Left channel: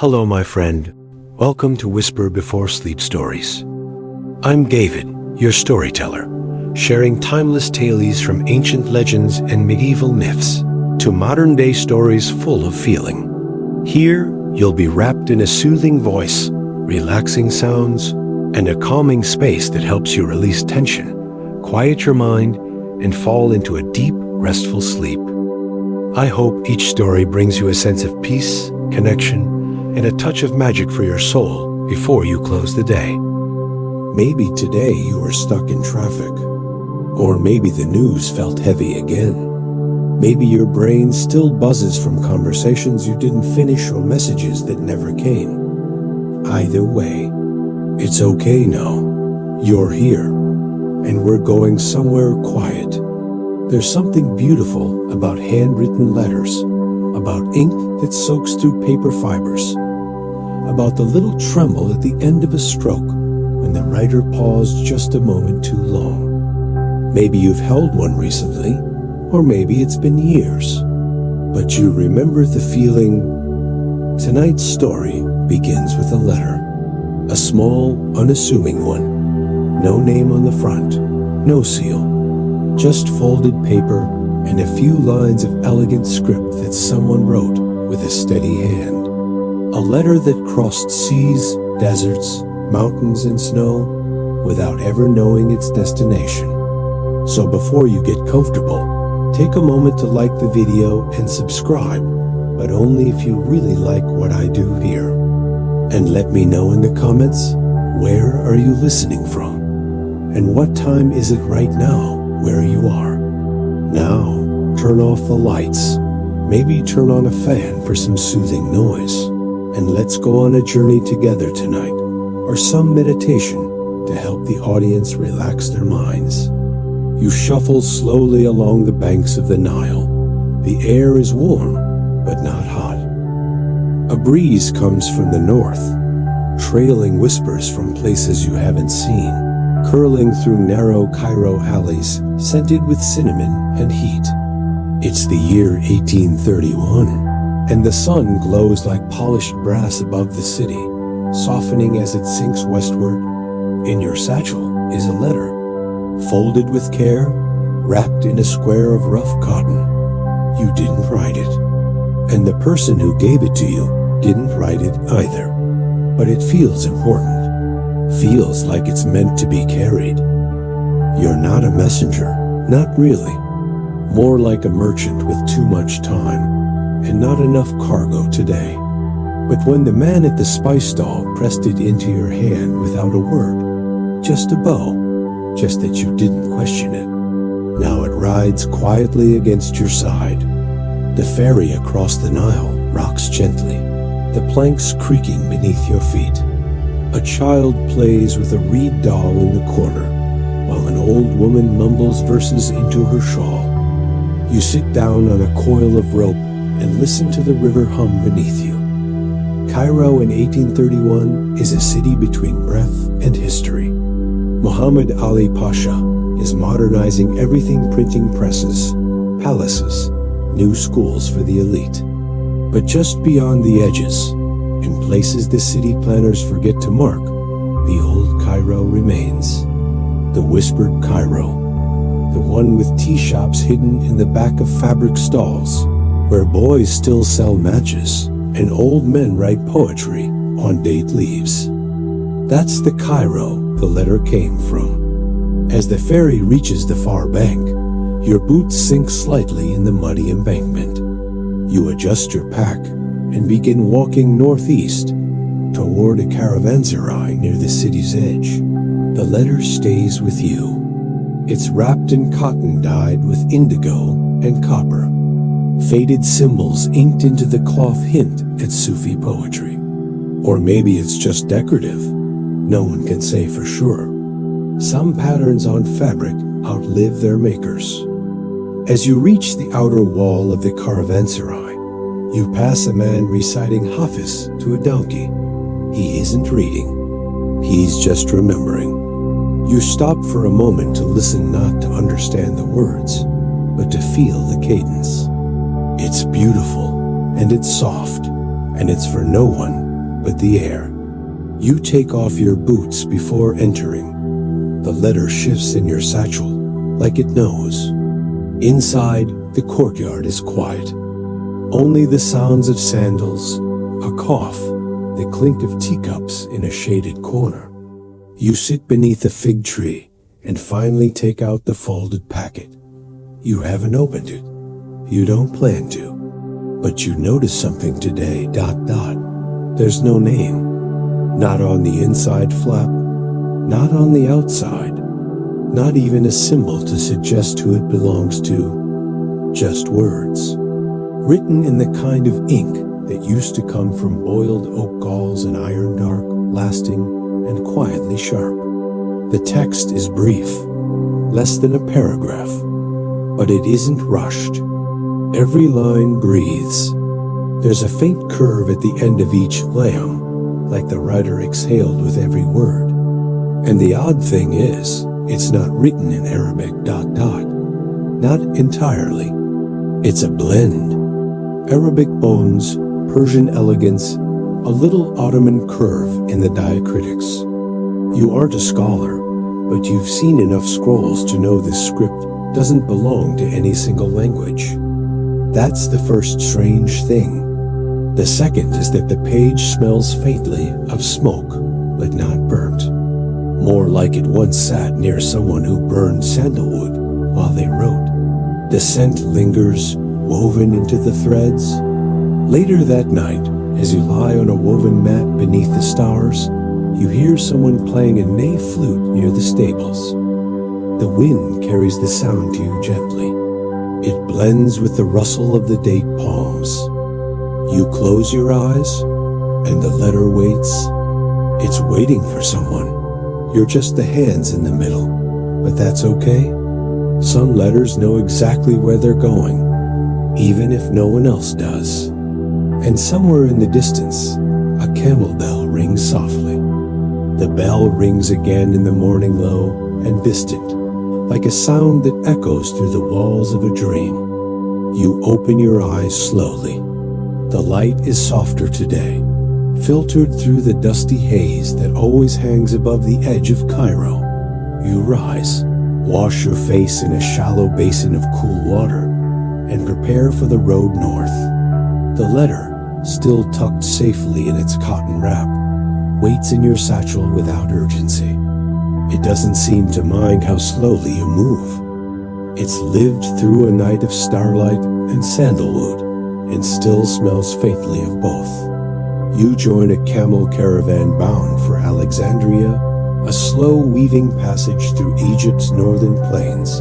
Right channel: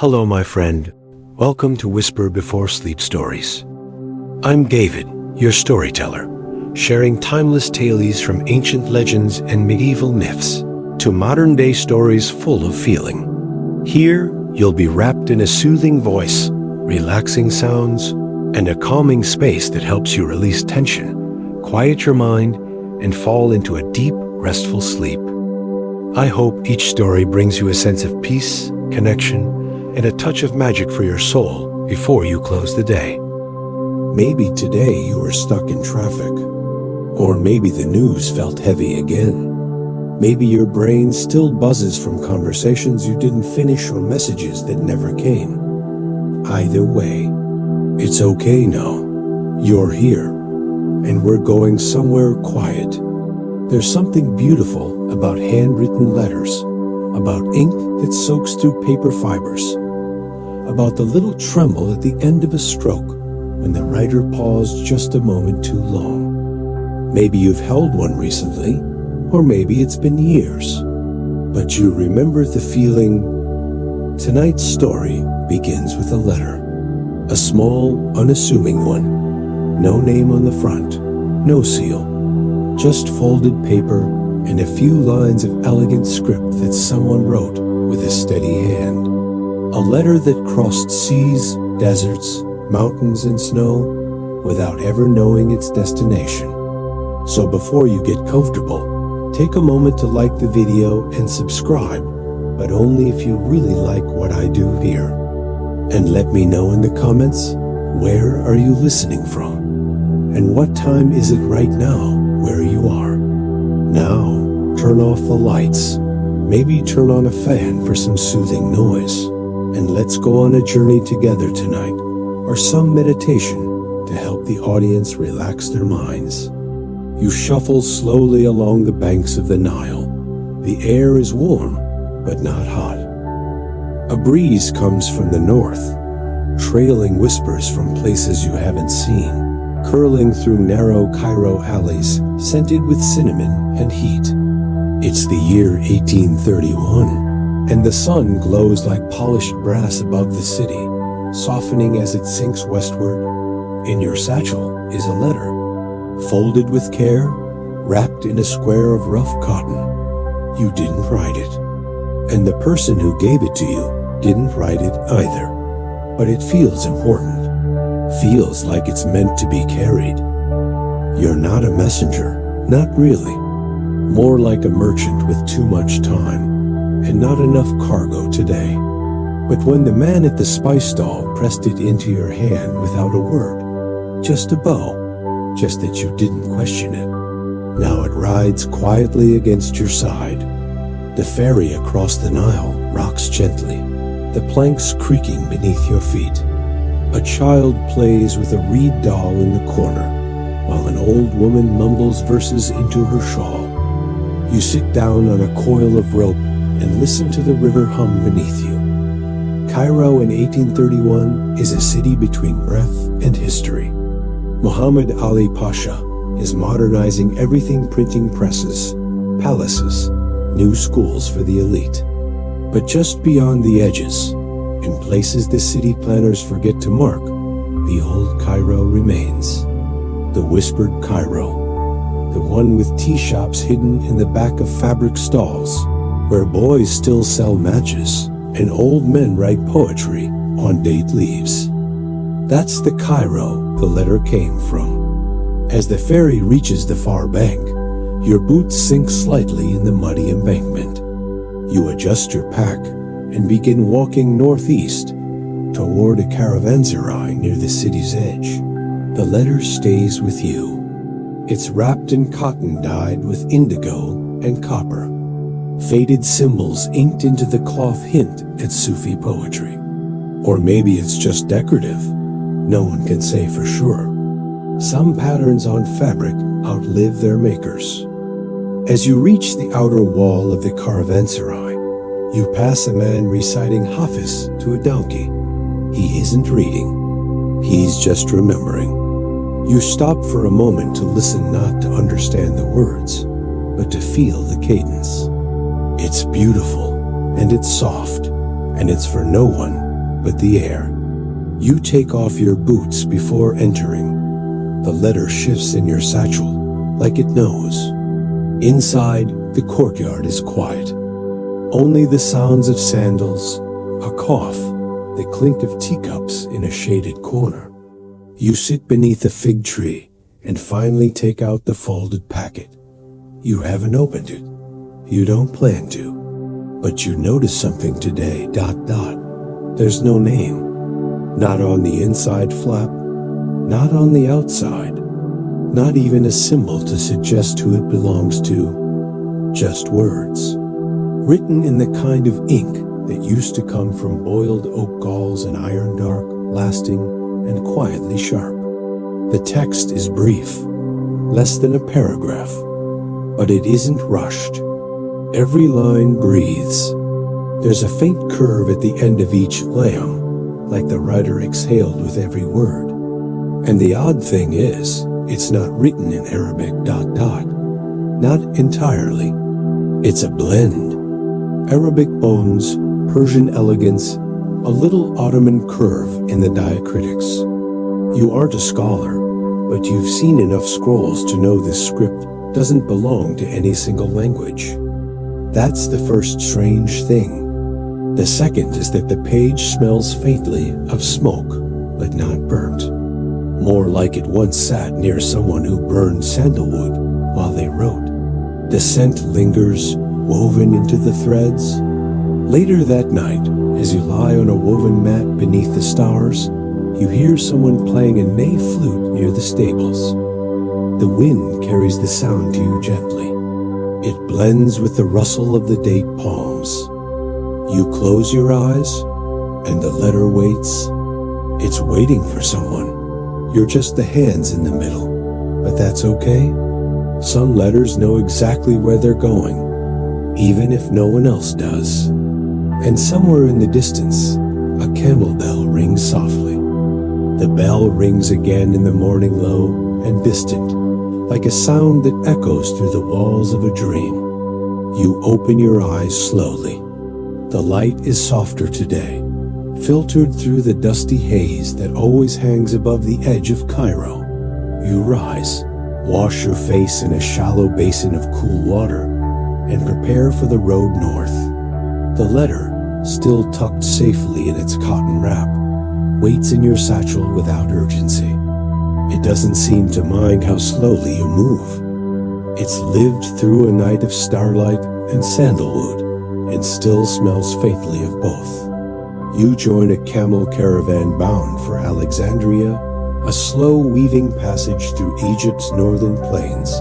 Hello, my friend. Welcome to Whisper Before Sleep Stories. I'm David, your storyteller, sharing timeless tales from ancient legends and medieval myths to modern-day stories full of feeling. Here, you'll be wrapped in a soothing voice, relaxing sounds, and a calming space that helps you release tension, quiet your mind, and fall into a deep, restful sleep. I hope each story brings you a sense of peace, connection, and a touch of magic for your soul before you close the day. Maybe today you are stuck in traffic, or maybe the news felt heavy again. Maybe your brain still buzzes from conversations you didn't finish or messages that never came. Either way, it's okay now. You're here, and we're going somewhere quiet. There's something beautiful about handwritten letters, about ink that soaks through paper fibers, about the little tremble at the end of a stroke when the writer paused just a moment too long. Maybe you've held one recently, or maybe it's been years, but you remember the feeling. Tonight's story begins with a letter, a small, unassuming one. No name on the front, no seal, just folded paper and a few lines of elegant script that someone wrote with a steady hand. A letter that crossed seas, deserts, mountains, and snow without ever knowing its destination. So before you get comfortable, take a moment to like the video and subscribe, but only if you really like what I do here. And let me know in the comments, where are you listening from? And what time is it right now where you are? Now, turn off the lights, maybe turn on a fan for some soothing noise, and let's go on a journey together tonight, or some meditation to help the audience relax their minds. You shuffle slowly along the banks of the Nile. The air is warm, but not hot. A breeze comes from the north, trailing whispers from places you haven't seen, curling through narrow Cairo alleys scented with cinnamon and heat. It's the year 1831, and the sun glows like polished brass above the city, softening as it sinks westward. In your satchel is a letter, folded with care, wrapped in a square of rough cotton. You didn't write it, and the person who gave it to you didn't write it either. But it feels important. Feels like it's meant to be carried. You're not a messenger, not really. More like a merchant with too much time and not enough cargo today. But when the man at the spice stall pressed it into your hand without a word, just a bow, just that you didn't question it. Now it rides quietly against your side. The ferry across the Nile rocks gently, the planks creaking beneath your feet. A child plays with a reed doll in the corner, while an old woman mumbles verses into her shawl. You sit down on a coil of rope and listen to the river hum beneath you. Cairo in 1831 is a city between breath and history. Muhammad Ali Pasha is modernizing everything: printing presses, palaces, new schools for the elite. But just beyond the edges, in places the city planners forget to mark, the old Cairo remains. The whispered Cairo, the one with tea shops hidden in the back of fabric stalls, where boys still sell matches and old men write poetry on date leaves. That's the Cairo the letter came from. As the ferry reaches the far bank, your boots sink slightly in the muddy embankment. You adjust your pack and begin walking northeast toward a caravanserai near the city's edge. The letter stays with you. It's wrapped in cotton dyed with indigo and copper. Faded symbols inked into the cloth hint at Sufi poetry. Or maybe it's just decorative. No one can say for sure. Some patterns on fabric outlive their makers. As you reach the outer wall of the caravanserai, you pass a man reciting Hafiz to a donkey. He isn't reading. He's just remembering. You stop for a moment to listen, not to understand the words, but to feel the cadence. It's beautiful, and it's soft, and it's for no one but the air. You take off your boots before entering. The letter shifts in your satchel, like it knows. Inside, the courtyard is quiet. Only the sounds of sandals, a cough, the clink of teacups in a shaded corner. You sit beneath a fig tree and finally take out the folded packet. You haven't opened it. You don't plan to. But you notice something today, ... There's no name. Not on the inside flap, not on the outside, not even a symbol to suggest who it belongs to. Just words. Written in the kind of ink that used to come from boiled oak galls and iron dark, lasting and quietly sharp. The text is brief, less than a paragraph, but it isn't rushed. Every line breathes. There's a faint curve at the end of each layam, like the writer exhaled with every word. And the odd thing is, it's not written in Arabic ... Not entirely. It's a blend. Arabic bones, Persian elegance, a little Ottoman curve in the diacritics. You aren't a scholar, but you've seen enough scrolls to know this script doesn't belong to any single language. That's the first strange thing. The second is that the page smells faintly of smoke, but not burnt. More like it once sat near someone who burned sandalwood while they wrote. The scent lingers, woven into the threads. Later that night, as you lie on a woven mat beneath the stars, you hear someone playing a ney flute near the stables. The wind carries the sound to you gently. It blends with the rustle of the date palms. You close your eyes, and the letter waits. It's waiting for someone. You're just the hands in the middle, but that's okay. Some letters know exactly where they're going, even if no one else does. And somewhere in the distance, a camel bell rings softly. The bell rings again in the morning, low and distant, like a sound that echoes through the walls of a dream. You open your eyes slowly. The light is softer today, filtered through the dusty haze that always hangs above the edge of Cairo. You rise, wash your face in a shallow basin of cool water, and prepare for the road north. The letter, still tucked safely in its cotton wrap, waits in your satchel without urgency. It doesn't seem to mind how slowly you move. It's lived through a night of starlight and sandalwood, and still smells faintly of both. You join a camel caravan bound for Alexandria, a slow weaving passage through Egypt's northern plains,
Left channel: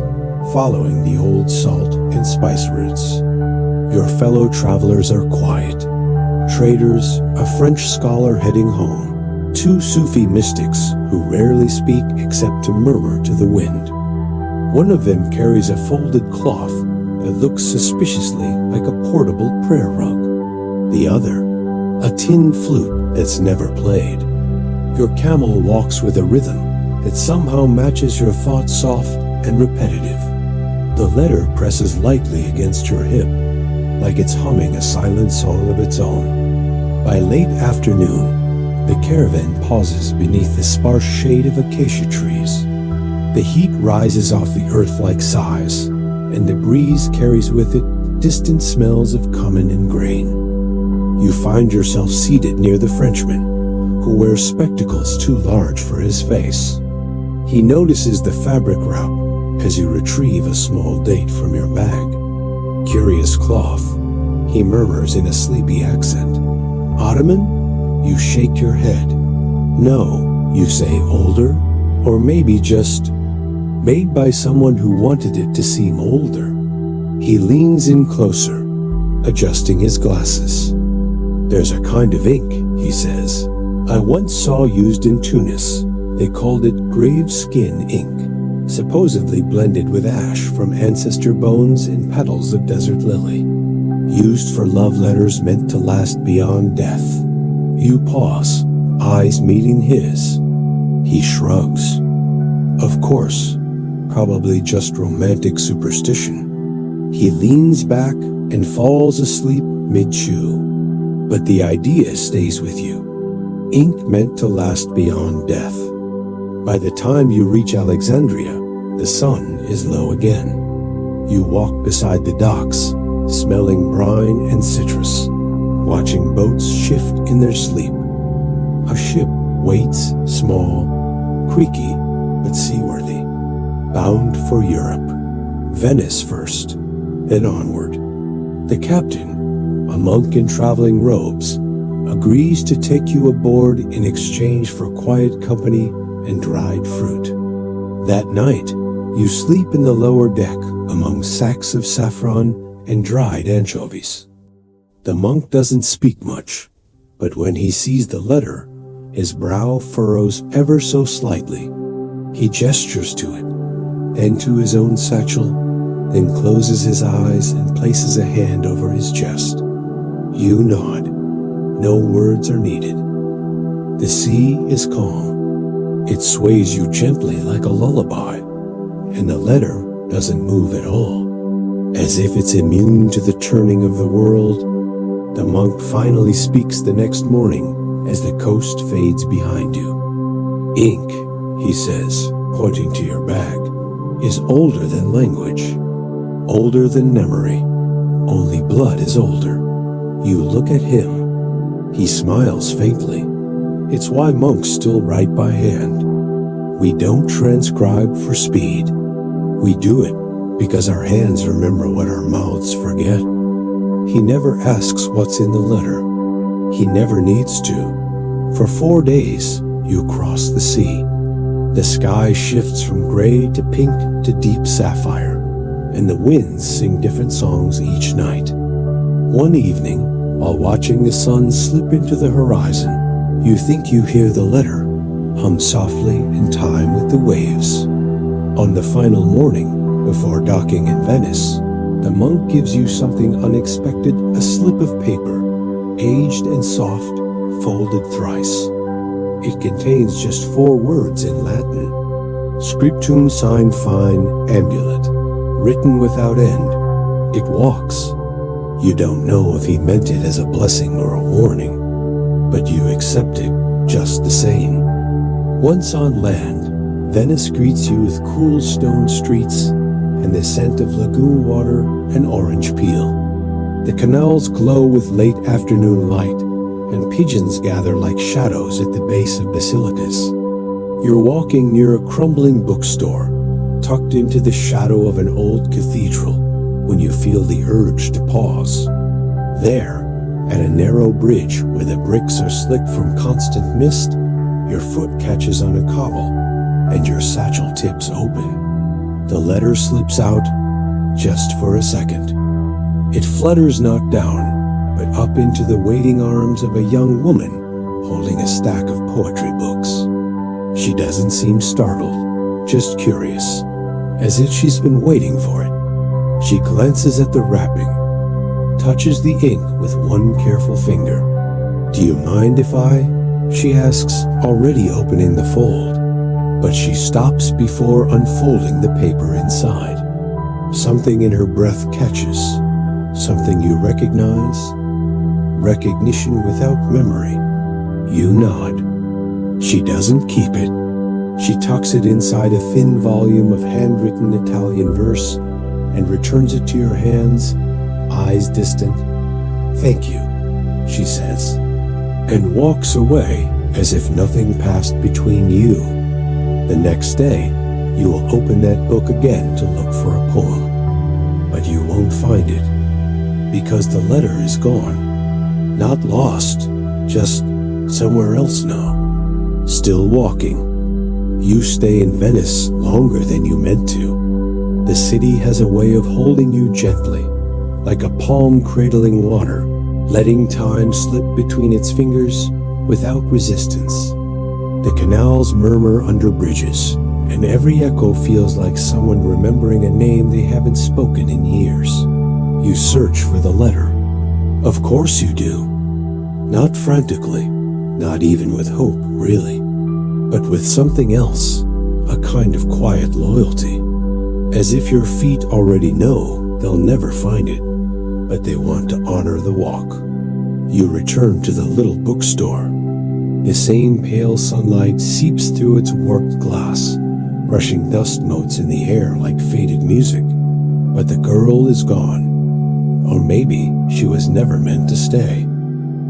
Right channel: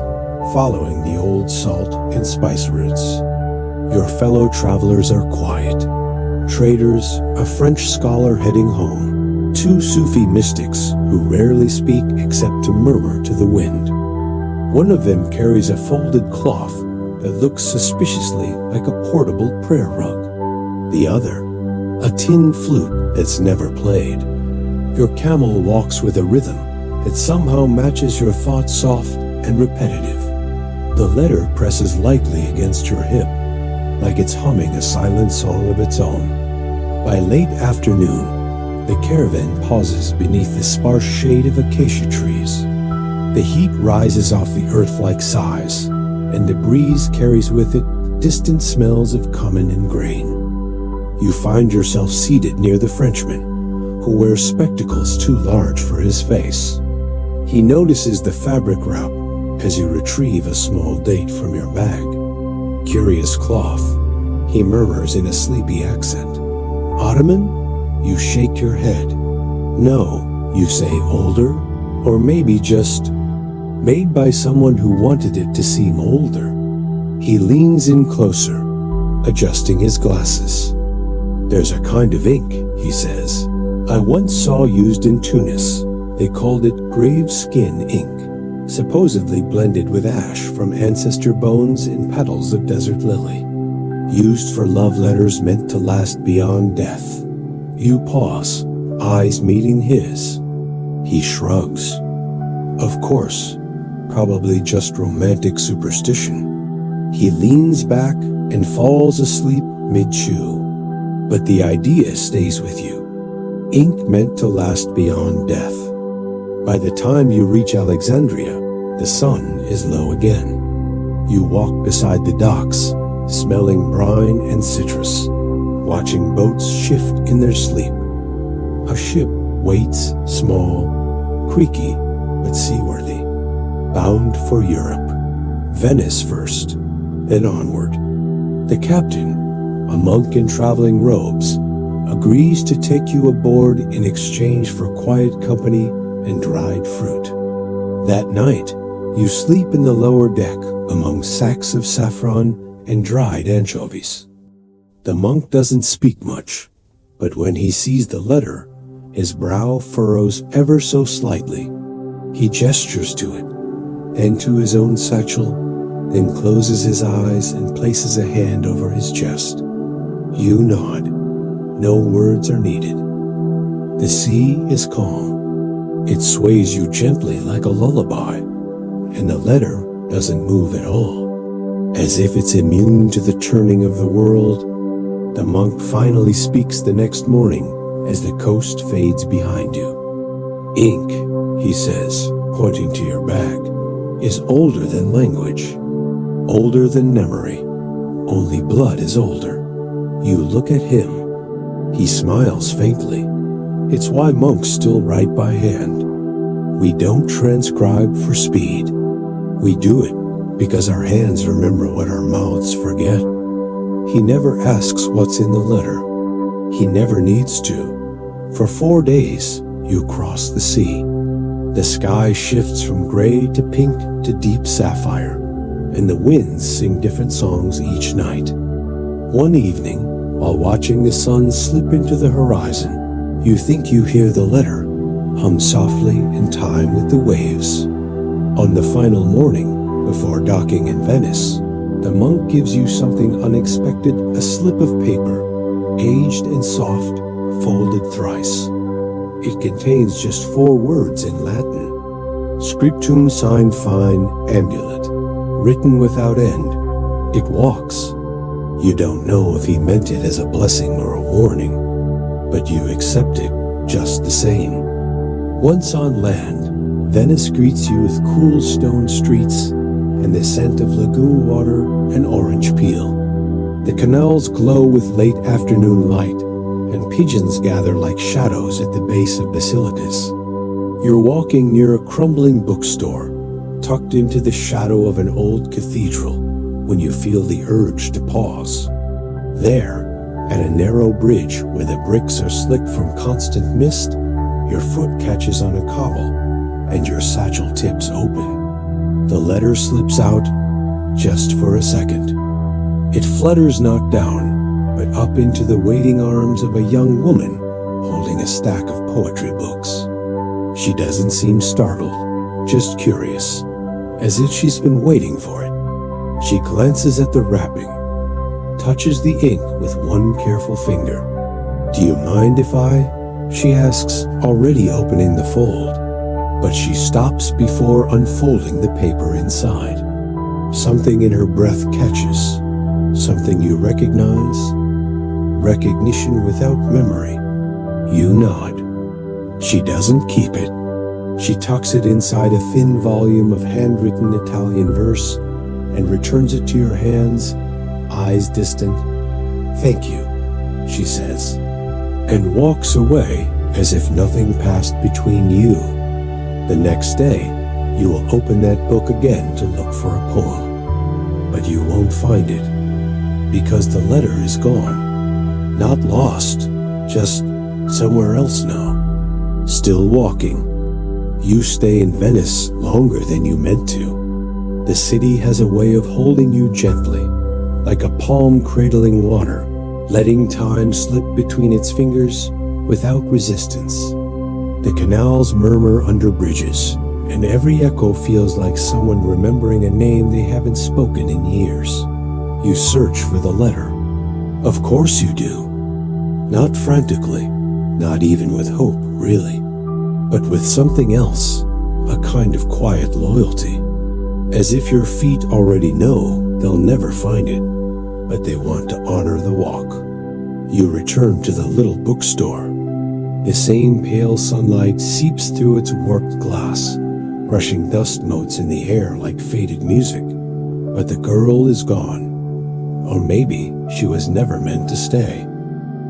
following the old salt and spice routes. Your fellow travelers are quiet. Traders, a French scholar heading home, two Sufi mystics who rarely speak except to murmur to the wind. One of them carries a folded cloth that looks suspiciously like a portable prayer rug. The other, a tin flute that's never played. Your camel walks with a rhythm that somehow matches your thoughts, soft and repetitive. The letter presses lightly against your hip, like it's humming a silent song of its own. By late afternoon, the caravan pauses beneath the sparse shade of acacia trees. The heat rises off the earth like sighs, and the breeze carries with it distant smells of cumin and grain. You find yourself seated near the Frenchman, who wears spectacles too large for his face. He notices the fabric wrap as you retrieve a small date from your bag. Curious cloth, he murmurs in a sleepy accent. Ottoman? You shake your head. No, you say, older, or maybe just made by someone who wanted it to seem older. He leans in closer, adjusting his glasses. There's a kind of ink, he says, I once saw used in Tunis. They called it grave skin ink, supposedly blended with ash from ancestor bones and petals of desert lily. Used for love letters meant to last beyond death. You pause, eyes meeting his. He shrugs. Of course, probably just romantic superstition. He leans back and falls asleep mid-chew. But the idea stays with you. ink meant to last beyond death. By the time you reach Alexandria, the sun is low again. You walk beside the docks, smelling brine and citrus, watching boats shift in their sleep. A ship waits, small, creaky, but seaworthy, bound for Europe. Venice first, then onward. The captain, a monk in traveling robes, agrees to take you aboard in exchange for quiet company and dried fruit. That night, you sleep in the lower deck among sacks of saffron and dried anchovies. The monk doesn't speak much, but when he sees the letter, his brow furrows ever so slightly. He gestures to it, then to his own satchel, then closes his eyes and places a hand over his chest. You nod. No words are needed. The sea is calm. It sways you gently like a lullaby, and the letter doesn't move at all, as if it's immune to the turning of the world. The monk finally speaks the next morning as the coast fades behind you. Ink, he says, pointing to your bag, is older than language, older than memory. Only blood is older. You look at him. He smiles faintly. It's why monks still write by hand. We don't transcribe for speed. We do it because our hands remember what our mouths forget. He never asks what's in the letter. He never needs to. For 4 days, you cross the sea. The sky shifts from gray to pink to deep sapphire, and the winds sing different songs each night. One evening, while watching the sun slip into the horizon, you think you hear the letter hum softly in time with the waves. On the final morning, before docking in Venice, the monk gives you something unexpected, a slip of paper, aged and soft, folded thrice. It contains just 4 words in Latin. Scriptum sine fine amulet, written without end. It walks. You don't know if he meant it as a blessing or a warning, but you accept it just the same. Once on land, Venice greets you with cool stone streets and the scent of lagoon water and orange peel. The canals glow with late afternoon light, and pigeons gather like shadows at the base of basilicas. You're walking near a crumbling bookstore, tucked into the shadow of an old cathedral, when you feel the urge to pause. There, at a narrow bridge where the bricks are slick from constant mist, your foot catches on a cobble, and your satchel tips open. The letter slips out, just for a second. It flutters not down, but up into the waiting arms of a young woman holding a stack of poetry books. She doesn't seem startled, just curious, as if she's been waiting for it. She glances at the wrapping, touches the ink with one careful finger. "Do you mind if I?" she asks, already opening the fold. But she stops before unfolding the paper inside. Something in her breath catches, something you recognize. Recognition without memory. You nod. She doesn't keep it. She tucks it inside a thin volume of handwritten Italian verse and returns it to your hands, eyes distant. "Thank you," she says, and walks away as if nothing passed between you. The next day, you will open that book again to look for a poem, but you won't find it, because the letter is gone. Not lost, just somewhere else now. Still walking. You stay in Venice longer than you meant to. The city has a way of holding you gently, like a palm cradling water, letting time slip between its fingers without resistance. The canals murmur under bridges, and every echo feels like someone remembering a name they haven't spoken in years. You search for the letter. Of course you do. Not frantically, not even with hope, really, but with something else, a kind of quiet loyalty. As if your feet already know they'll never find it, but they want to honor the walk. You return to the little bookstore. The same pale sunlight seeps through its warped glass, brushing dust motes in the air like faded music. But the girl is gone. Or maybe she was never meant to stay.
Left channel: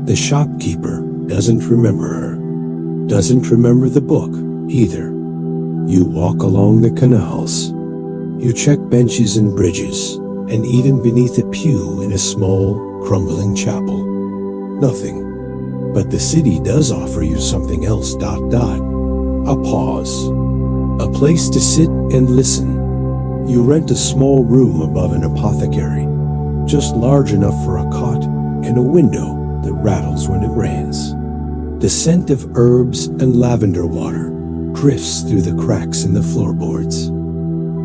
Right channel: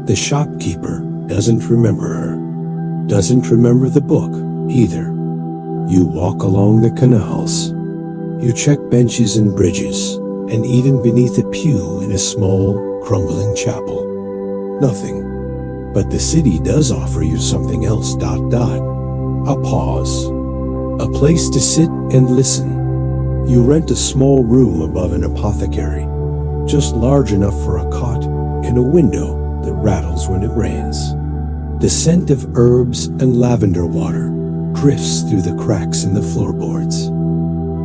The shopkeeper doesn't remember her. Doesn't remember the book either. You walk along the canals. You check benches and bridges, and even beneath a pew in a small, crumbling chapel. Nothing. But the city does offer you something else. A pause. A place to sit and listen. You rent a small room above an apothecary, just large enough for a cot and a window that rattles when it rains. The scent of herbs and lavender water drifts through the cracks in the floorboards.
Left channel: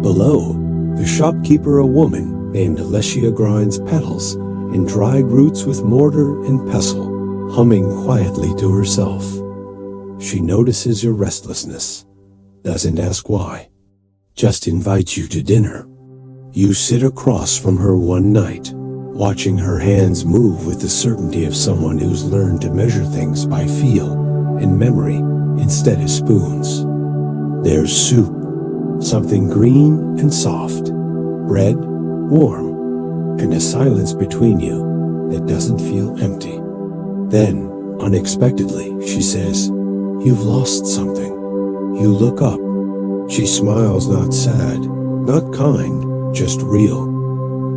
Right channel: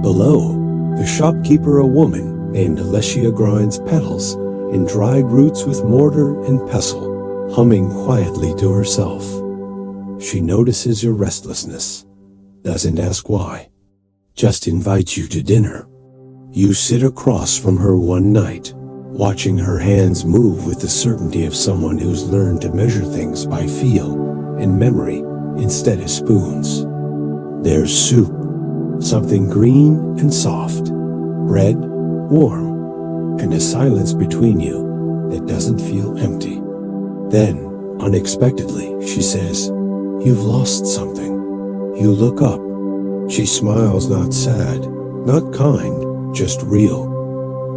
Below, the shopkeeper, a woman named Alessia, grinds petals and dried roots with mortar and pestle, humming quietly to herself. She notices your restlessness, doesn't ask why, just invites you to dinner. You sit across from her one night, watching her hands move with the certainty of someone who's learned to measure things by feel and memory instead of spoons. There's soup, something green and soft, bread, warm, and a silence between you that doesn't feel empty. Then, unexpectedly, she says, "You've lost something." You look up. She smiles, not sad, not kind, just real.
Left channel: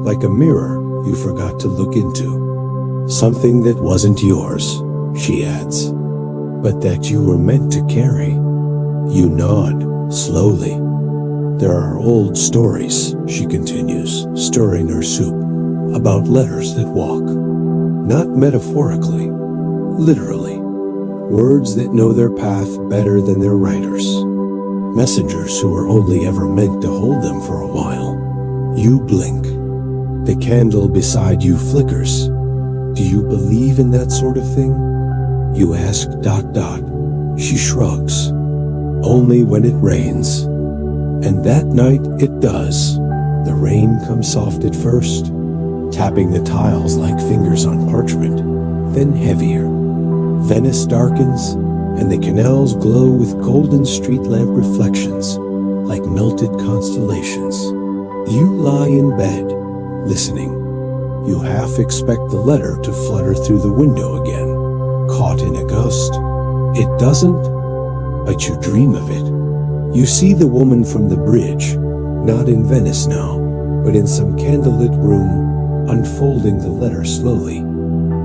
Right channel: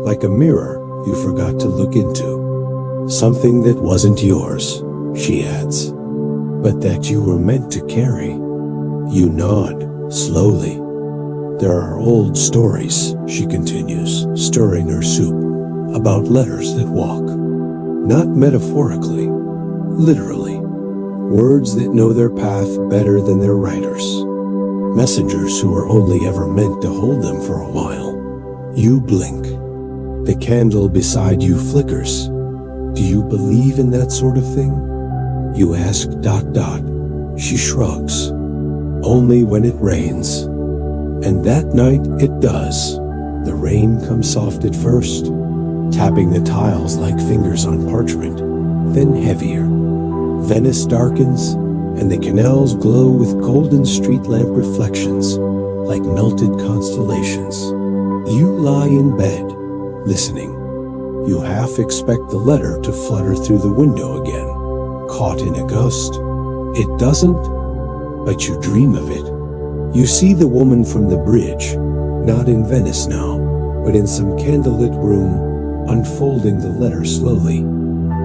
Like a mirror you forgot to look into. Something that wasn't yours, she adds, but that you were meant to carry. You nod, slowly. There are old stories, she continues, stirring her soup, about letters that walk. Not metaphorically, literally. Words that know their path better than their writers. Messengers who are only ever meant to hold them for a while. You blink. The candle beside you flickers. Do you believe in that sort of thing? You ask. She shrugs. Only when it rains. And that night it does. The rain comes soft at first, tapping the tiles like fingers on parchment, then heavier. Venice darkens, and the canals glow with golden street lamp reflections, like melted constellations. You lie in bed, listening. You half expect the letter to flutter through the window again, caught in a gust. It doesn't, but you dream of it. You see the woman from the bridge, not in Venice now, but in some candlelit room, unfolding the letter slowly,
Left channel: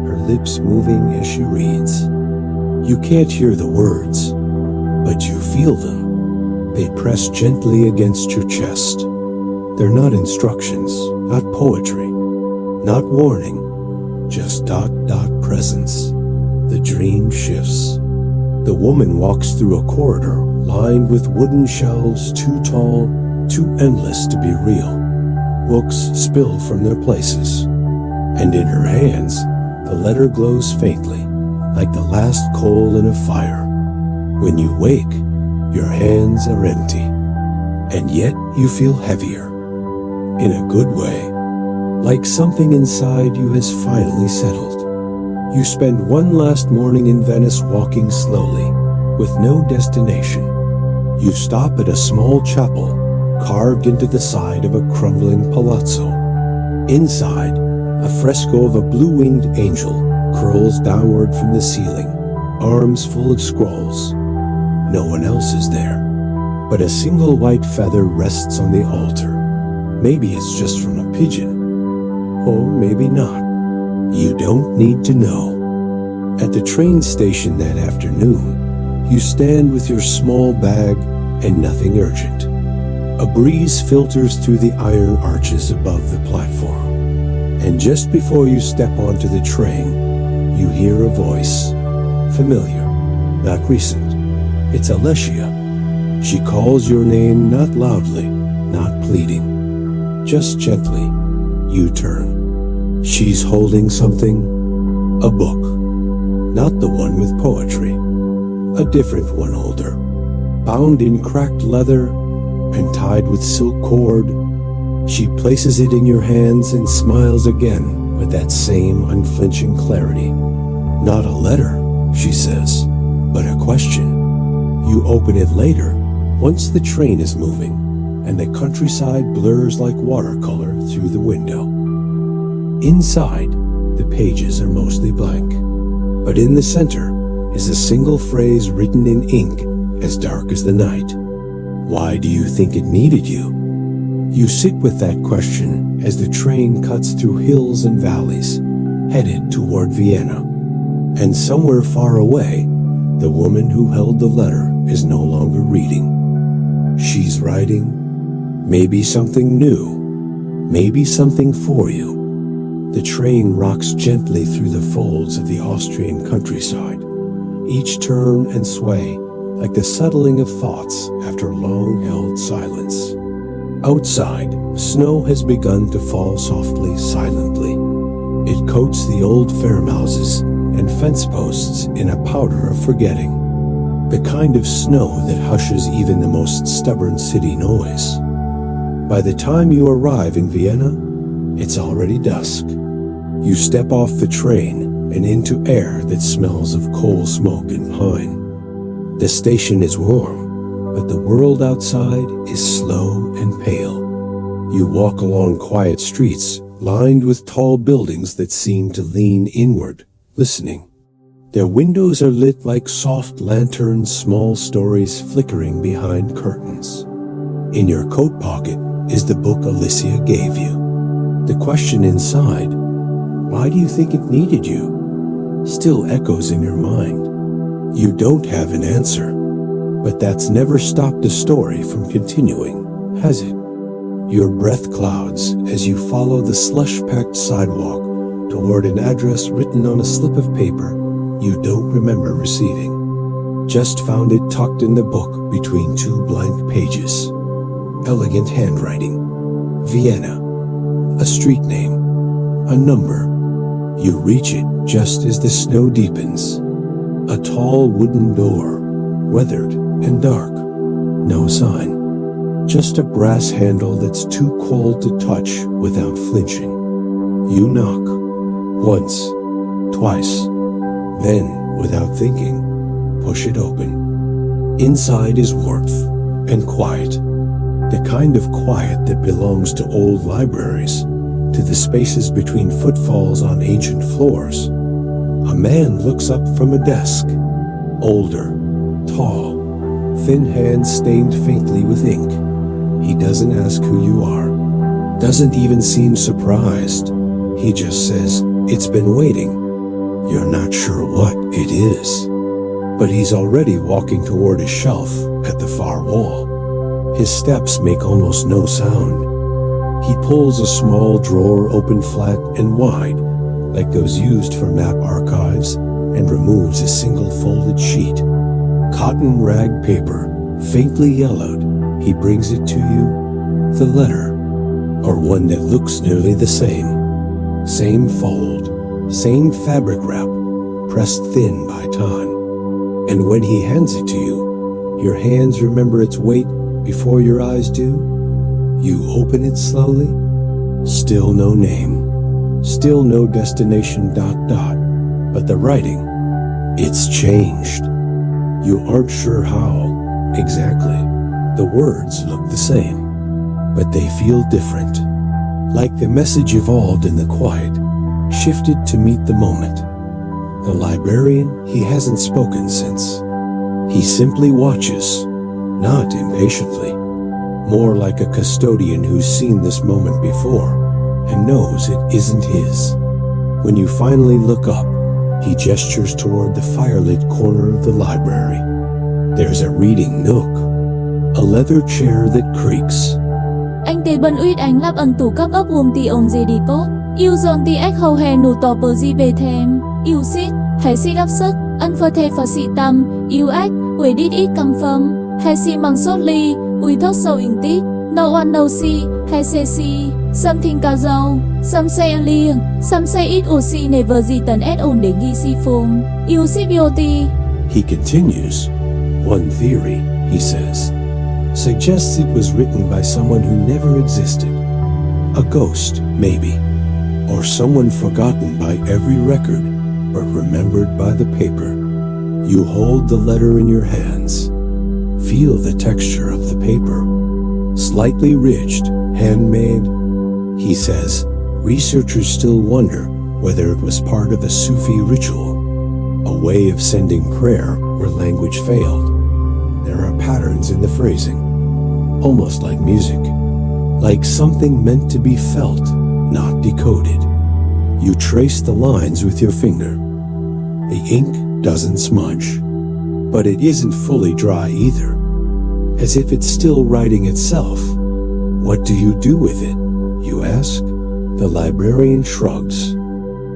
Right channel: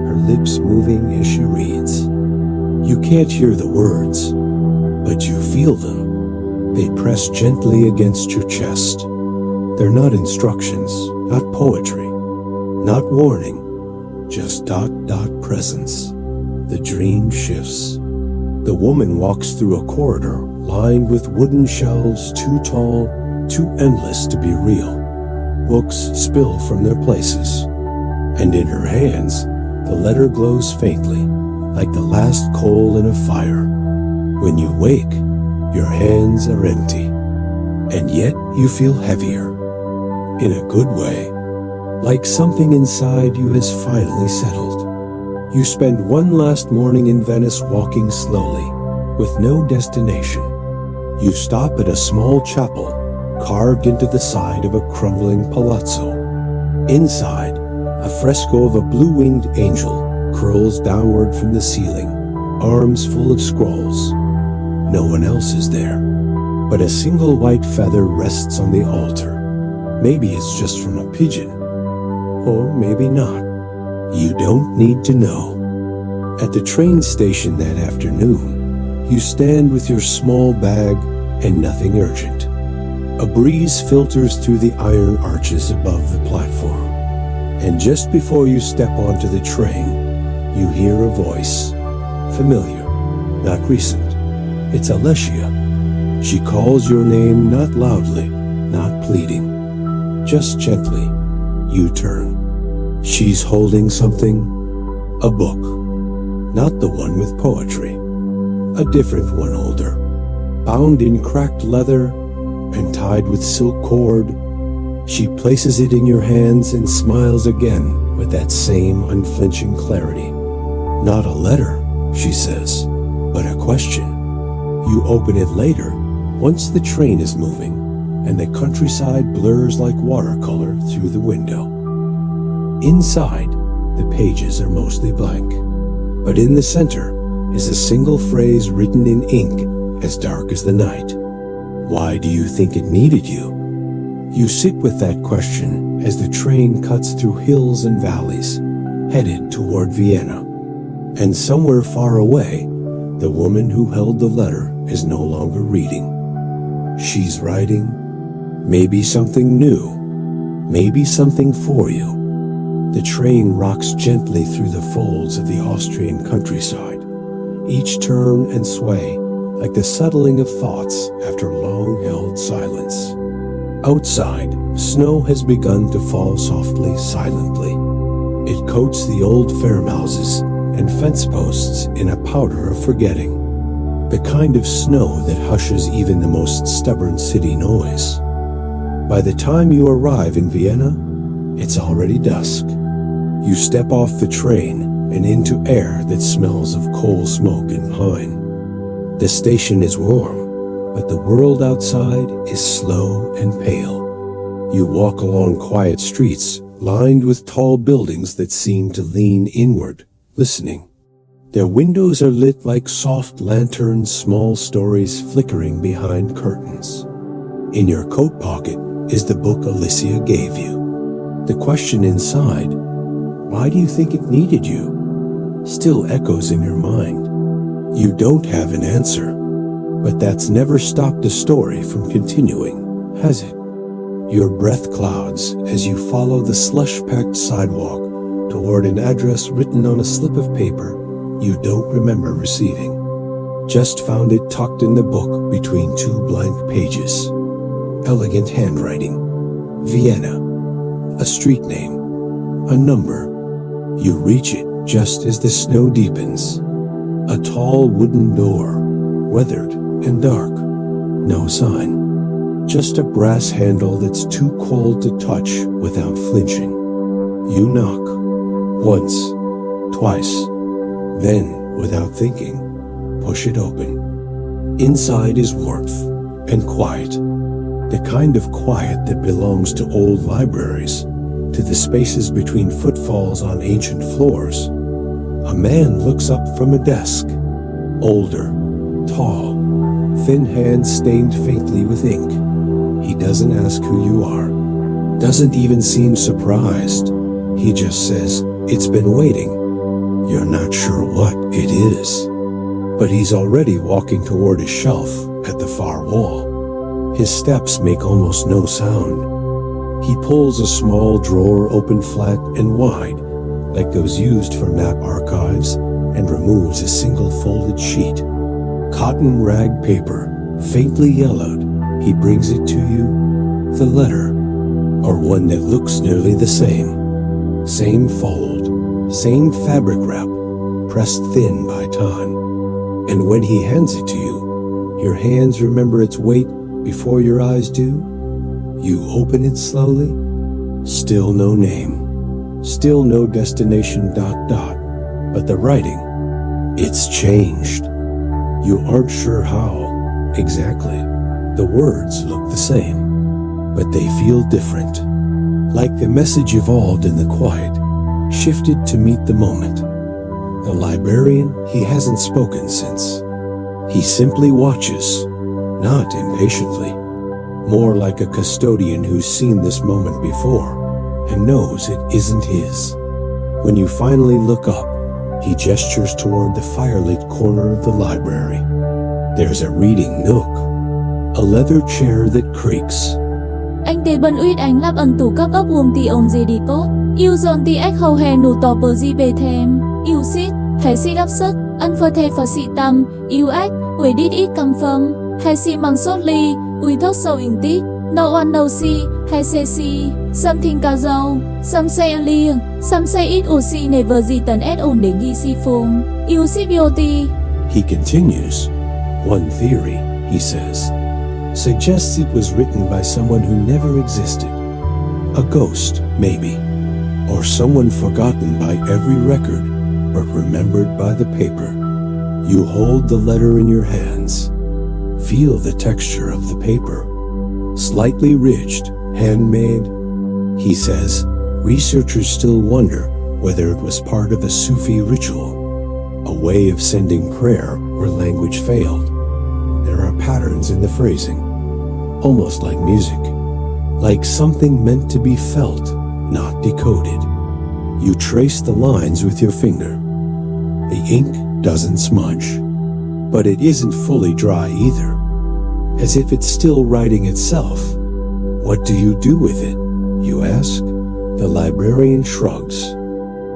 her lips moving as she reads. You can't hear the words, but you feel them. They press gently against your chest. They're not instructions, not poetry, not warning, just presence. The dream shifts. The woman walks through a corridor lined with wooden shelves too tall, too endless to be real. Books spill from their places. And in her hands, the letter glows faintly, like the last coal in a fire. When you wake, your hands are empty. And yet you feel heavier. In a good way. Like something inside you has finally settled. You spend one last morning in Venice walking slowly, with no destination. You stop at a small chapel, carved into the side of a crumbling palazzo. Inside, a fresco of a blue-winged angel curls downward from the ceiling, arms full of scrolls. No one else is there, but a single white feather rests on the altar. Maybe it's just from a pigeon, or maybe not. You don't need to know. At the train station that afternoon, you stand with your small bag and nothing urgent. A breeze filters through the iron arches above the platform. And just before you step onto the train, you hear a voice. Familiar, not recent. It's Alessia. She calls your name, not loudly, not pleading. Just gently, you turn. She's holding something. A book. Not the one with poetry. A different one, older. Bound in cracked leather and tied with silk cord. She places it in your hands and smiles again with that same unflinching clarity. Not a letter, she says. but a question. You open it later, once the train is moving, and the countryside blurs like watercolor through the window. Inside, the pages are mostly blank, but in the center is a single phrase written in ink as dark as the night. Why do you think it needed you? You sit with that question as the train cuts through hills and valleys, headed toward Vienna. And somewhere far away, the woman who held the letter is no longer reading. She's writing, maybe something new, maybe something for you. The train rocks gently through the folds of the Austrian countryside, each turn and sway like the settling of thoughts after long-held silence. Outside, snow has begun to fall softly, silently. It coats the old farmhouses and fence posts in a powder of forgetting, the kind of snow that hushes even the most stubborn city noise. By the time you arrive in Vienna, it's already dusk. You step off the train and into air that smells of coal smoke and pine. The station is warm, but the world outside is slow and pale. You walk along quiet streets lined with tall buildings that seem to lean inward, listening. Their windows are lit like soft lanterns, small stories flickering behind curtains. In your coat pocket is the book Alicia gave you. The question inside, why do you think it needed you, still echoes in your mind. You don't have an answer, but that's never stopped a story from continuing, has it? Your breath clouds as you follow the slush-packed sidewalk toward an address written on a slip of paper you don't remember receiving. Just found it tucked in the book between two blank pages. Elegant handwriting. Vienna. A street name. A number. You reach it just as the snow deepens. A tall wooden door, weathered and dark. No sign. Just a brass handle that's too cold to touch without flinching. You knock. Once. Twice. Then, without thinking, push it open. Inside is warmth and quiet. The kind of quiet that belongs to old libraries, to the spaces between footfalls on ancient floors. A man looks up from a desk. Older, tall, thin hands stained faintly with ink. He doesn't ask who you are. Doesn't even seem surprised. He just says, "It's been waiting." You're not sure what it is. But he's already walking toward a shelf at the far wall. His steps make almost no sound. He pulls a small drawer open flat and wide, like those used for map archives, and removes a single folded sheet. Cotton rag paper, faintly yellowed. He brings it to you. The letter, or one that looks nearly the same. Same fold, same fabric wrap, pressed thin by time. And when he hands it to you, your hands remember its weight before your eyes do. You open it slowly. Still no name. Still no destination ... But the writing, it's changed. You aren't sure how, exactly. The words look the same, but they feel different. Like the message evolved in the quiet, shifted to meet the moment. The librarian, he hasn't spoken since. He simply watches, not impatiently, more like a custodian who's seen this moment before and knows it isn't his. When you finally look up, he gestures toward the firelit corner of the library. There's a reading nook, a leather chair that creaks. Anh tế bân uýt ánh lắp ẩn tủ cấp ấp ti ồn gì đi tốt. Yêu dọn ti ếch hầu hè nụ tỏ bờ di bề thêm. Yêu xít, hãy xít ấp sức, ân phơ thê phở xị tâm. Yêu ếch, uỷ đít ít cầm phâm. Hãy xị măng sốt ly, uỷ thốc sầu in tít. No one no see, hãy xê si. Something ca dâu, some say a lia. Some say it ủ xị nề vờ gì tần ết ồn để ghi si phùm. Yêu xít vô ti. He continues. One theory, he says, suggests it was written by someone who never existed. A ghost, maybe. Or someone forgotten by every record, but remembered by the paper. You hold the letter in your hands. Feel the texture of the paper. Slightly ridged, handmade. He says, researchers still wonder whether it was part of a Sufi ritual, a way of sending prayer where language failed. There are patterns in the phrasing, almost like music, like something meant to be felt, not decoded. You trace the lines with your finger. The ink doesn't smudge, but it isn't fully dry either, as if it's still writing itself. What do you do with it, you ask? The librarian shrugs.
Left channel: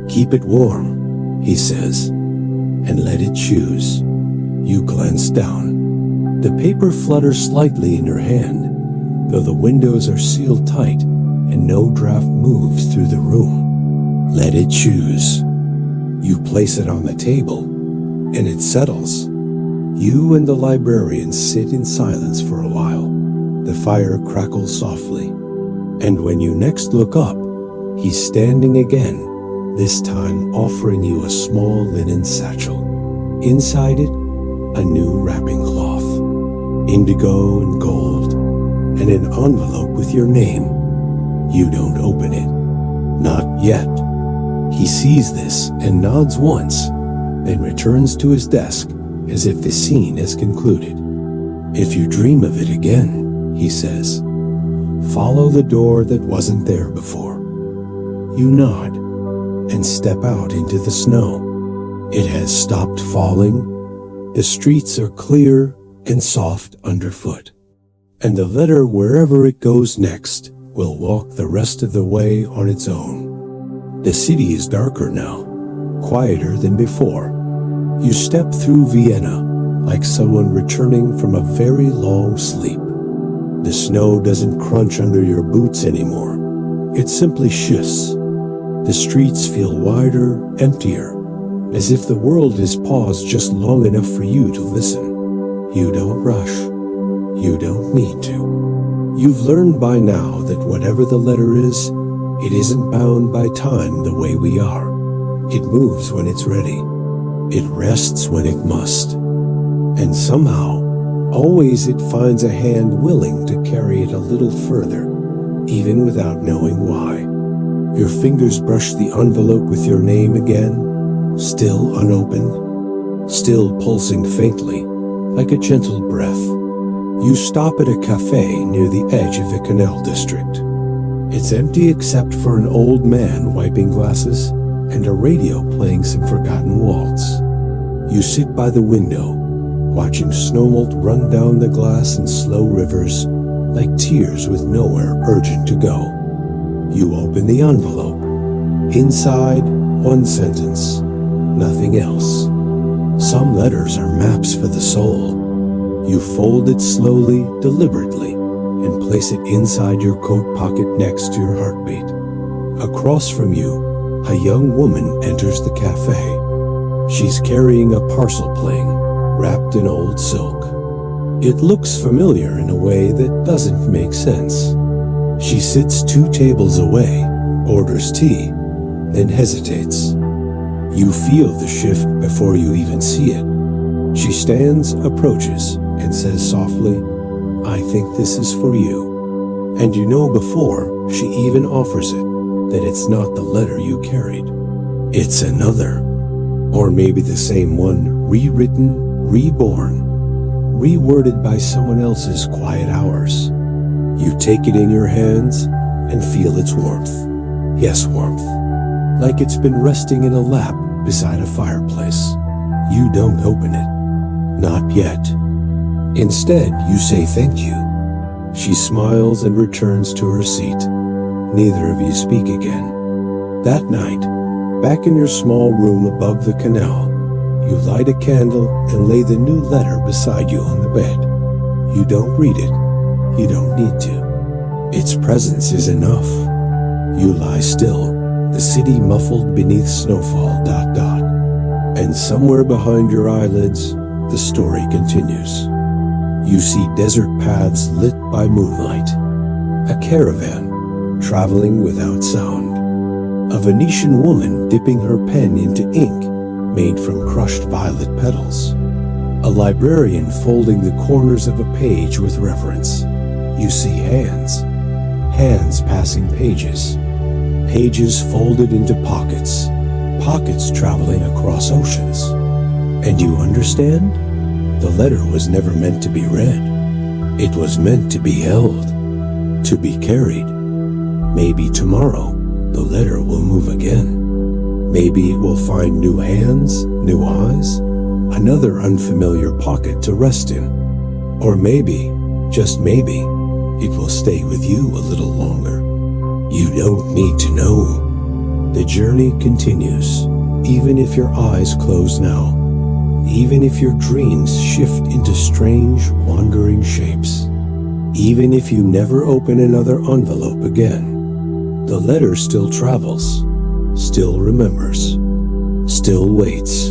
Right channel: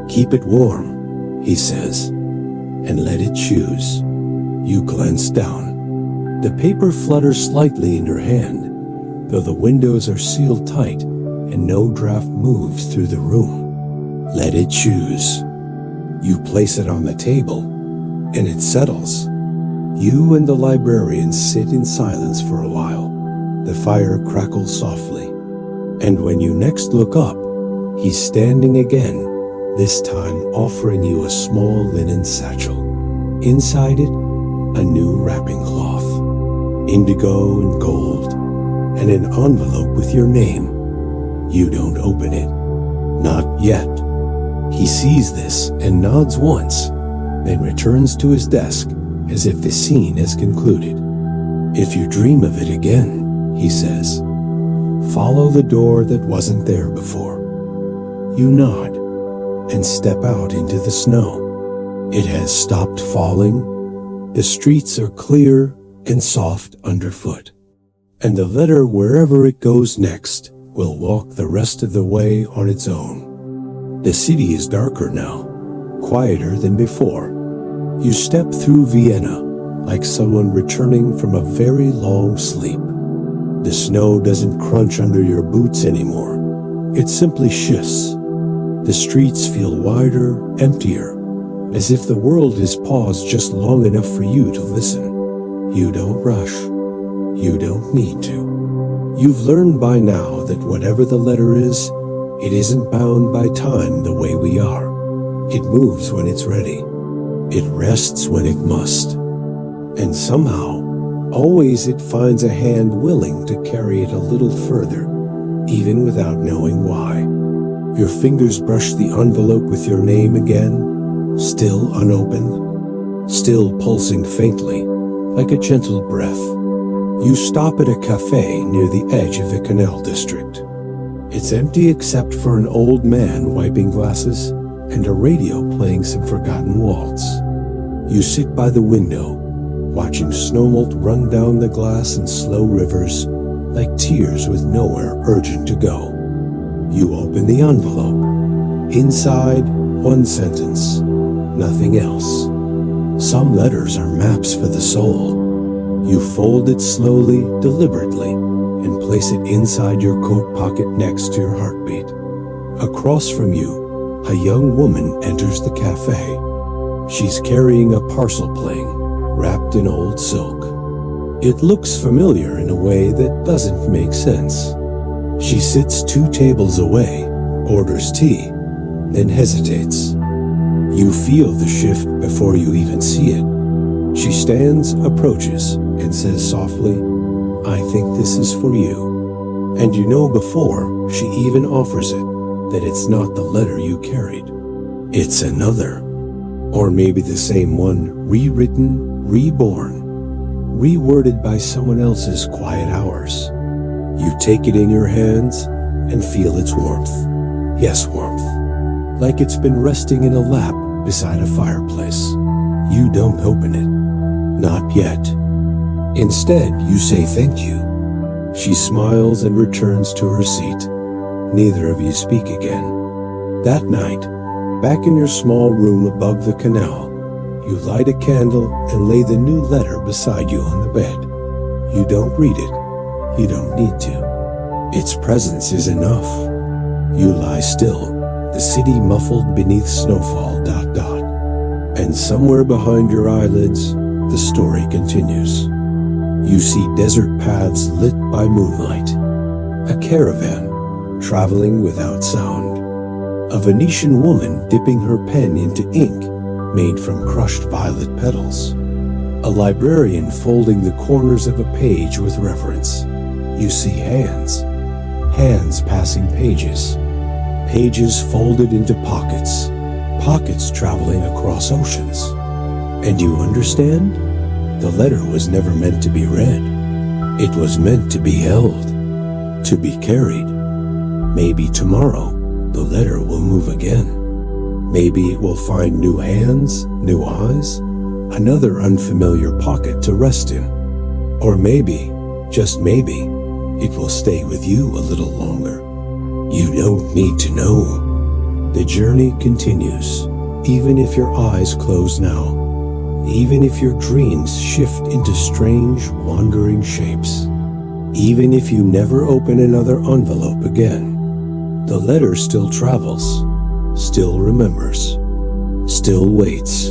Keep it warm, he says, and let it choose. You glance down. The paper flutters slightly in your hand, though the windows are sealed tight and no draft moves through the room. Let it choose. You place it on the table, and it settles. You and the librarian sit in silence for a while. The fire crackles softly. And when you next look up, he's standing again, this time offering you a small linen satchel. Inside it, a new wrapping cloth, indigo and gold, and an envelope with your name. You don't open it. Not yet. He sees this and nods once, then returns to his desk as if the scene has concluded. If you dream of it again, he says, follow the door that wasn't there before. You nod and step out into the snow. It has stopped falling. The streets are clear and soft underfoot. And the letter, wherever it goes next, will walk the rest of the way on its own. The city is darker now, quieter than before. You step through Vienna like someone returning from a very long sleep. The snow doesn't crunch under your boots anymore. It simply shifts. The streets feel wider, emptier, as if the world has paused just long enough for you to listen. You don't rush. You don't need to. You've learned by now that whatever the letter is, it isn't bound by time the way we are. It moves when it's ready. It rests when it must. And somehow, always it finds a hand willing to carry it a little further, even without knowing why. Your fingers brush the envelope with your name again, still unopened, still pulsing faintly, like a gentle breath. You stop at a cafe near the edge of the canal district. It's empty except for an old man wiping glasses and a radio playing some forgotten waltz. You sit by the window, watching snowmelt run down the glass in slow rivers like tears with nowhere urgent to go. You open the envelope. Inside, one sentence, nothing else. Some letters are maps for the soul. You fold it slowly, deliberately, and place it inside your coat pocket next to your heartbeat. Across from you, a young woman enters the cafe. She's carrying a parcel plane, wrapped in old silk. It looks familiar in a way that doesn't make sense. She sits 2 tables away, orders tea, then hesitates. You feel the shift before you even see it. She stands, approaches, and says softly, I think this is for you. And you know before she even offers it that it's not the letter you carried. It's another. Or maybe the same one, rewritten, reborn, reworded by someone else's quiet hours. You take it in your hands and feel its warmth. Yes, warmth. Like it's been resting in a lap beside a fireplace. You don't open it. Not yet. Instead, you say thank you. She smiles and returns to her seat. Neither of you speak again. That night, back in your small room above the canal, you light a candle and lay the new letter beside you on the bed. You don't read it. You don't need to. Its presence is enough. You lie still, the city muffled beneath snowfall, ... And somewhere behind your eyelids, the story continues. You see desert paths lit by moonlight. A caravan, traveling without sound. A Venetian woman dipping her pen into ink made from crushed violet petals. A librarian folding the corners of a page with reverence. You see hands. Hands passing pages. Pages folded into pockets. Pockets traveling across oceans. And you understand? The letter was never meant to be read. It was meant to be held, to be carried. Maybe tomorrow the letter will move again. Maybe it will find new hands, new eyes, another unfamiliar pocket to rest in. Or maybe, just maybe, it will stay with you a little longer. You don't need to know. The journey continues, even if your eyes close now. Even if your dreams shift into strange, wandering shapes. Even if you never open another envelope again. The letter still travels, still remembers, still waits.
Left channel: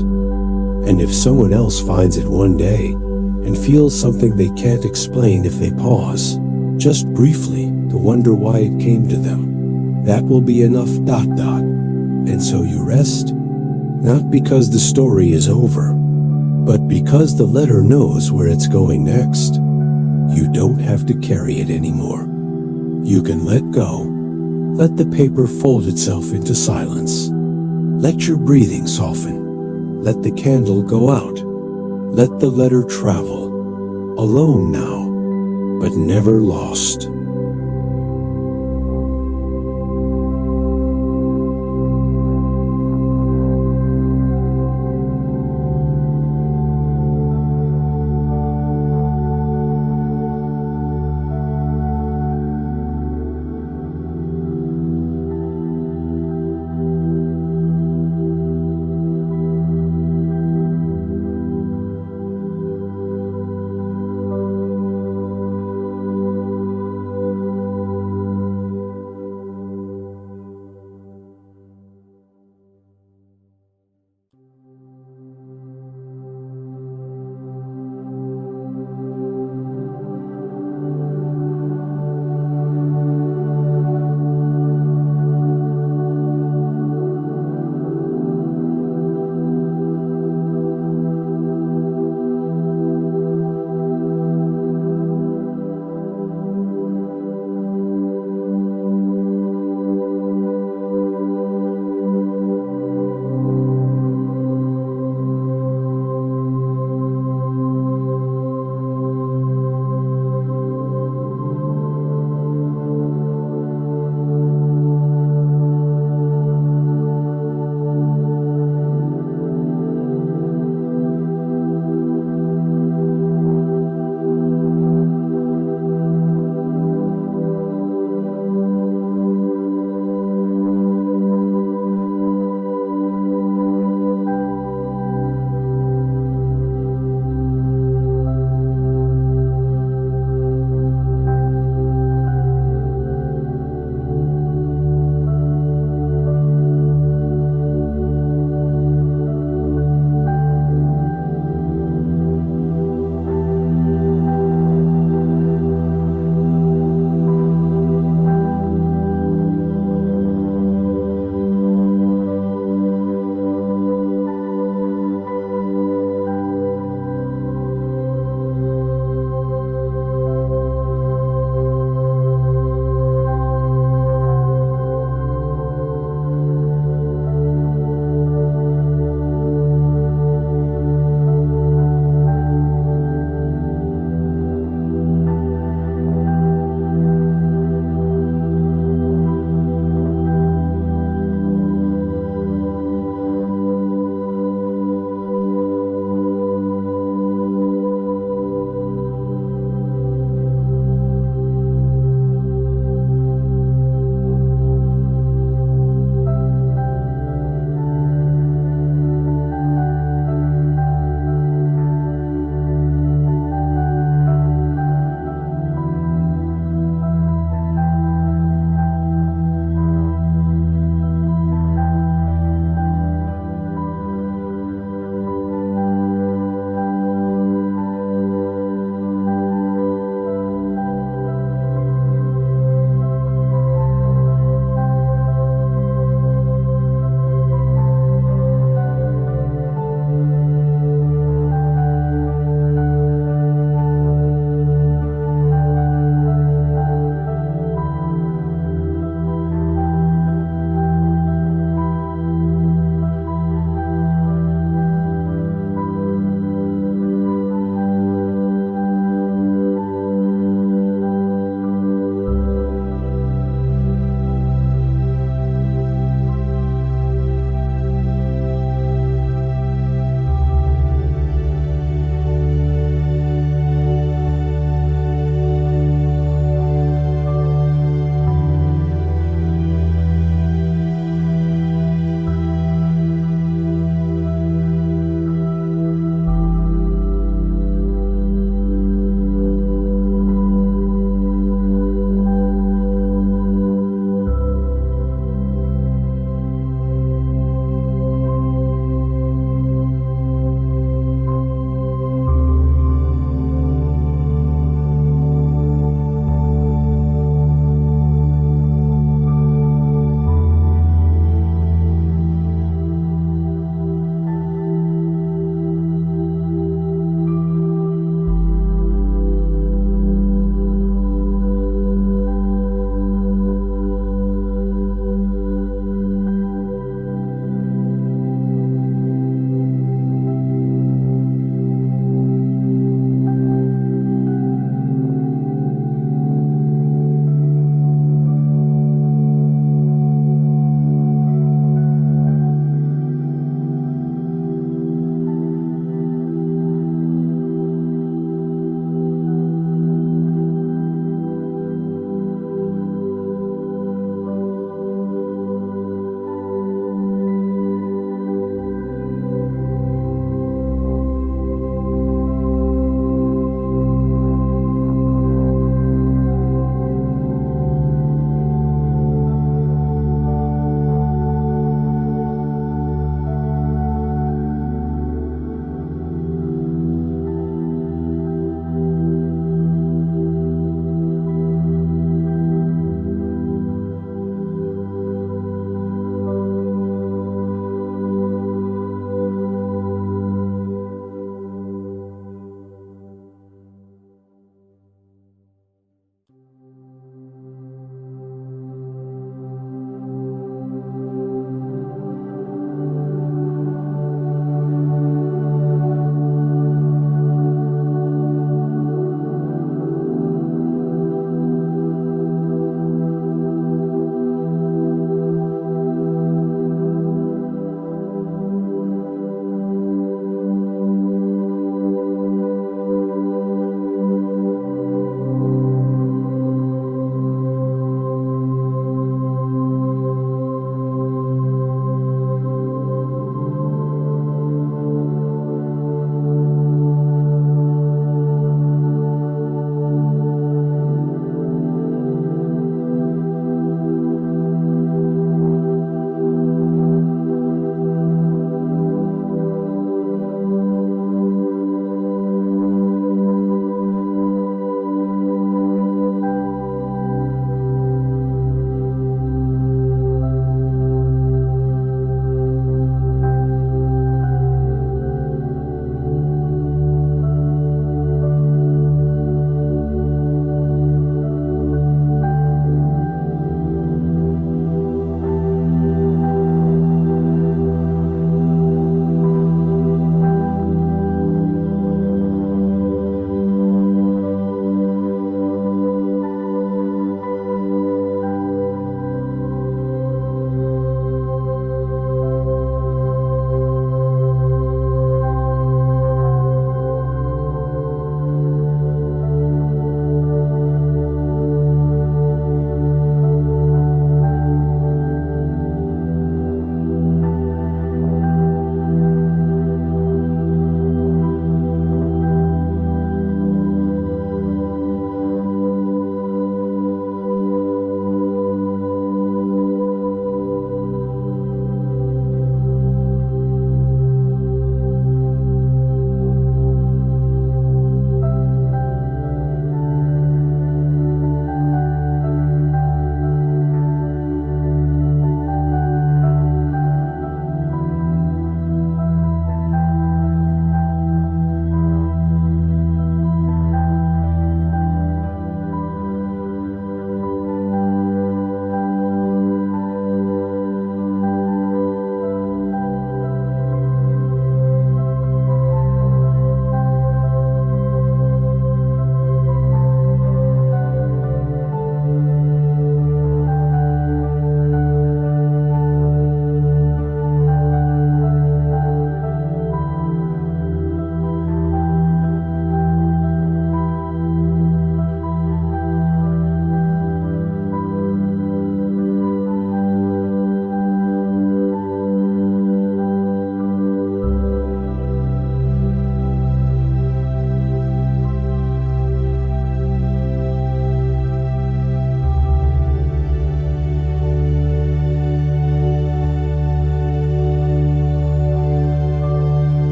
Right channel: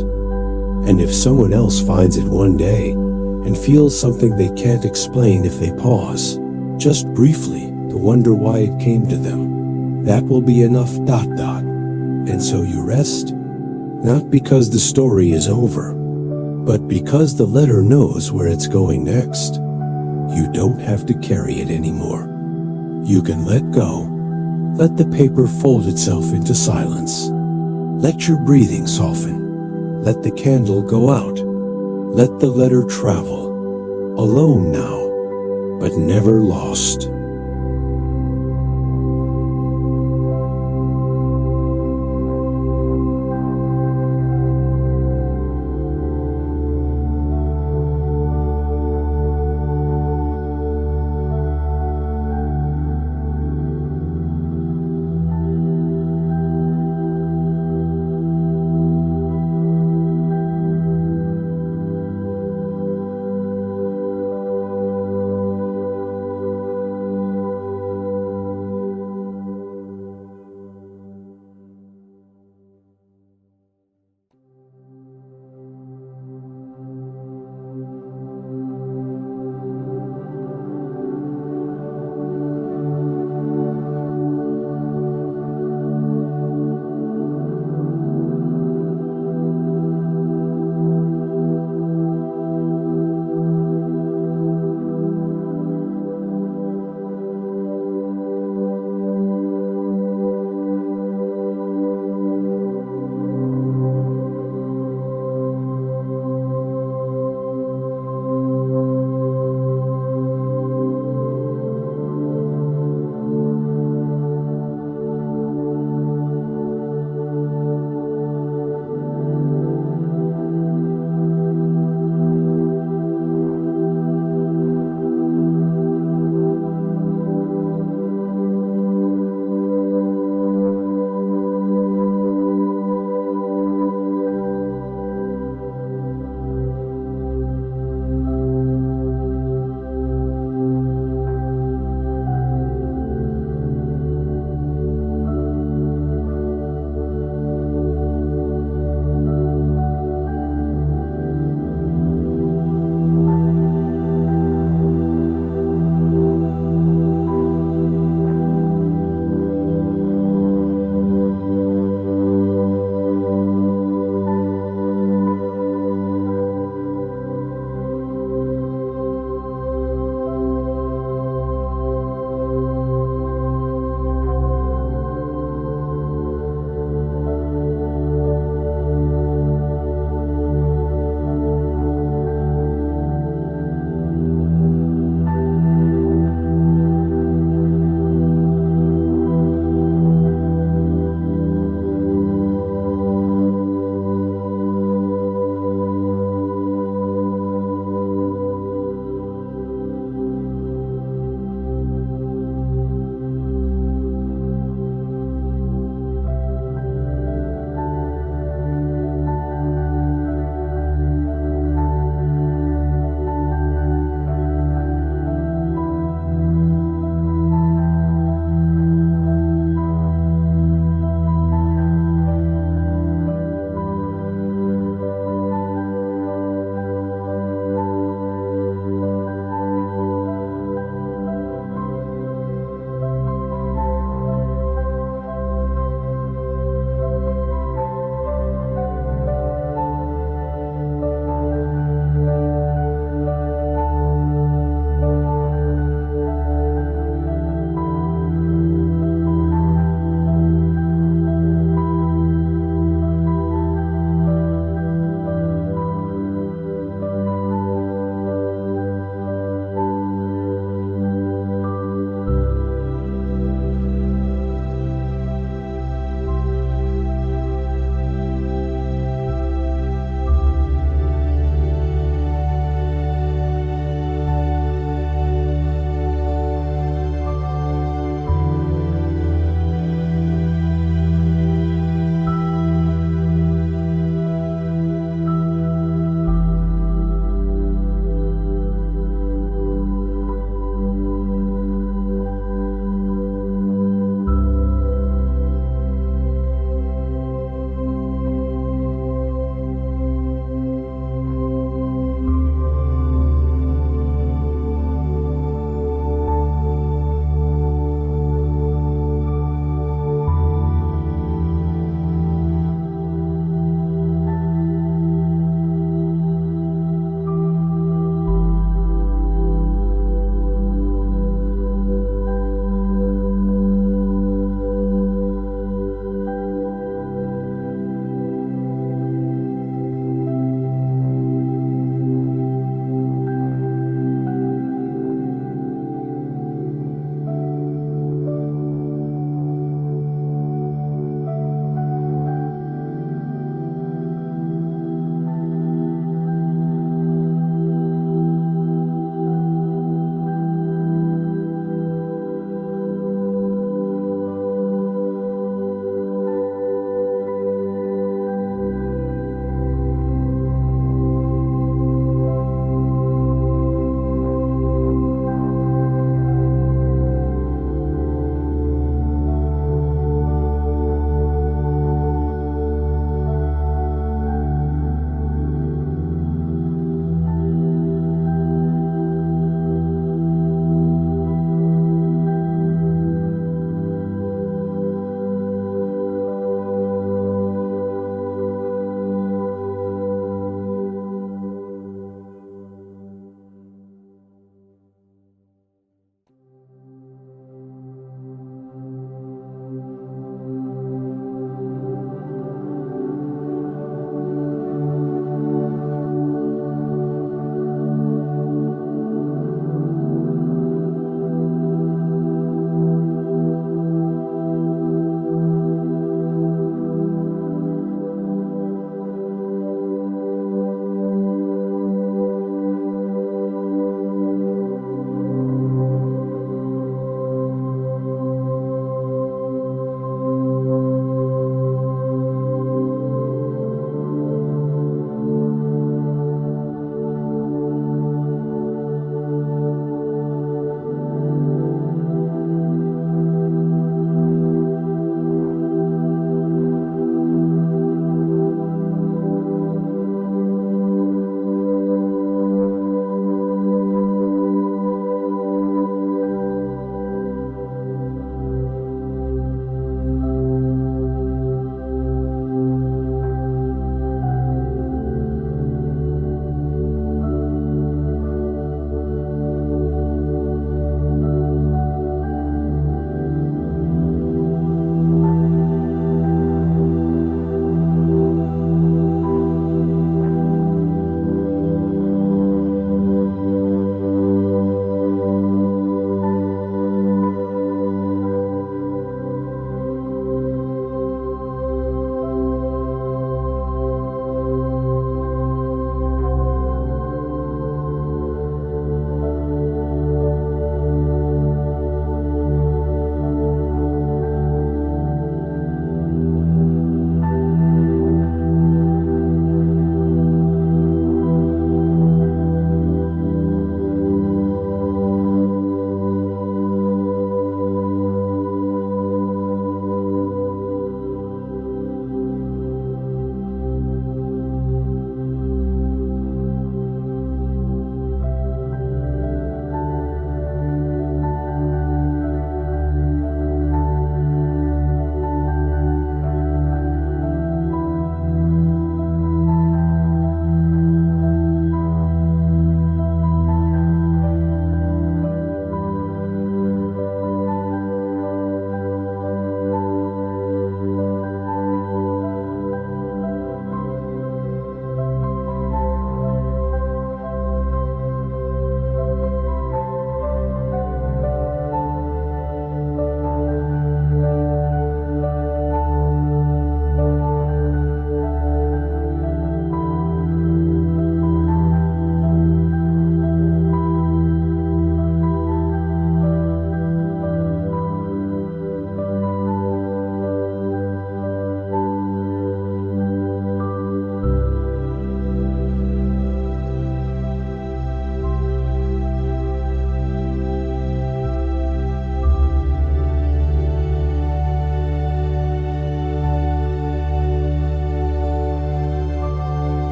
And if someone else finds it one day and feels something they can't explain if they pause, just briefly to wonder why it came to them, that will be enough ... And so you rest, not because the story is over, but because the letter knows where it's going next. You don't have to carry it anymore. You can let go. Let the paper fold itself into silence. Let your breathing soften. Let the candle go out. Let the letter travel. Alone now, but never lost.